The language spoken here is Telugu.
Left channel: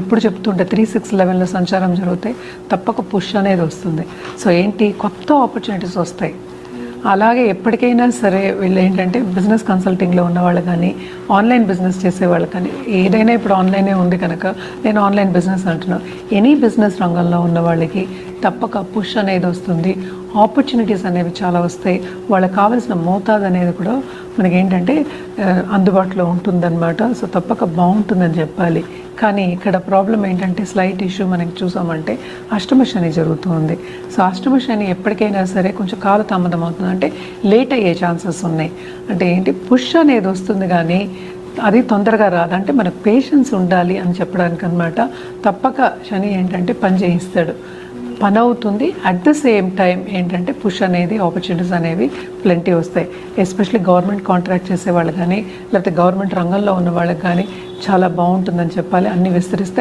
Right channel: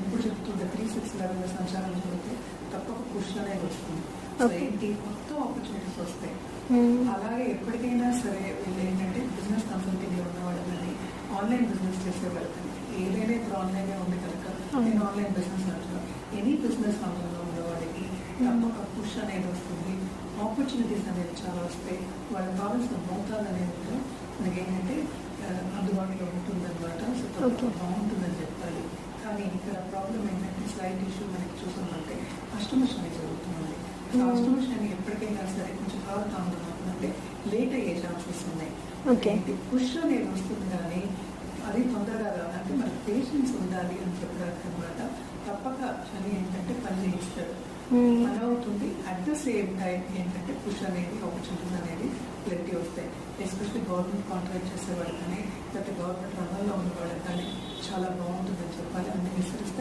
ఎప్పుడు చెప్తుంటే 3-6-11లో సంచారం జరిగితే తప్పక పుష్ అనేది వస్తుంది. సో ఏంటి కొత్త ఆపర్చునిటీస్ వస్తాయి. అలాగే ఎప్పటికైనా సరే వీళ్ళు ఏంటంటే బిజినెస్ కన్సల్టింగ్లో ఉన్న వాళ్ళు కానీ ఆన్లైన్ బిజినెస్ చేసేవాళ్ళు కానీ ఏదైనా ఇప్పుడు ఆన్లైనే ఉంది కనుక నేను ఆన్లైన్ బిజినెస్ అంటున్నాను. ఎనీ బిజినెస్ రంగంలో ఉన్న వాళ్ళకి తప్పక పుష్ అనేది వస్తుంది. ఆపర్చునిటీస్ అనేవి చాలా వస్తాయి. వాళ్ళకి కావాల్సిన మోతాదు అనేది కూడా మనకి ఏంటంటే అందుబాటులో ఉంటుందన్నమాట. సో తప్పక బాగుంటుందని చెప్పాలి. కానీ ఇక్కడ ప్రాబ్లం ఏంటంటే స్లైట్ ఇష్యూ మనకి చూసామంటే అష్టమ శని జరుగుతుంది. సో అష్టమ శని ఎప్పటికైనా సరే కొంచెం కాలతామదం అవుతుంది, అంటే లేట్ అయ్యే ఛాన్సెస్ ఉన్నాయి. అంటే ఏంటి పుష్ అనేది వస్తుంది కానీ అది తొందరగా రాదు. అంటే మనకు పేషెన్స్ ఉండాలి అని చెప్పడానికి అనమాట. తప్పక శని ఏంటంటే పని చేయిస్తాడు, పని అవుతుంది. అట్ ద సేమ్ టైం ఏంటంటే పుష్ అనేది ఆపర్చునిటీస్ అనేవి ప్లెంటీ వస్తాయి. ఎస్పెషల్లీ గవర్నమెంట్ కాంట్రాక్ట్ చేసే వాళ్ళు కానీ లేకపోతే గవర్నమెంట్ రంగంలో ఉన్న వాళ్ళకి కానీ చాలా బాగుంటుందని చెప్పాలి. అన్నీ విస్తరిస్తాయి.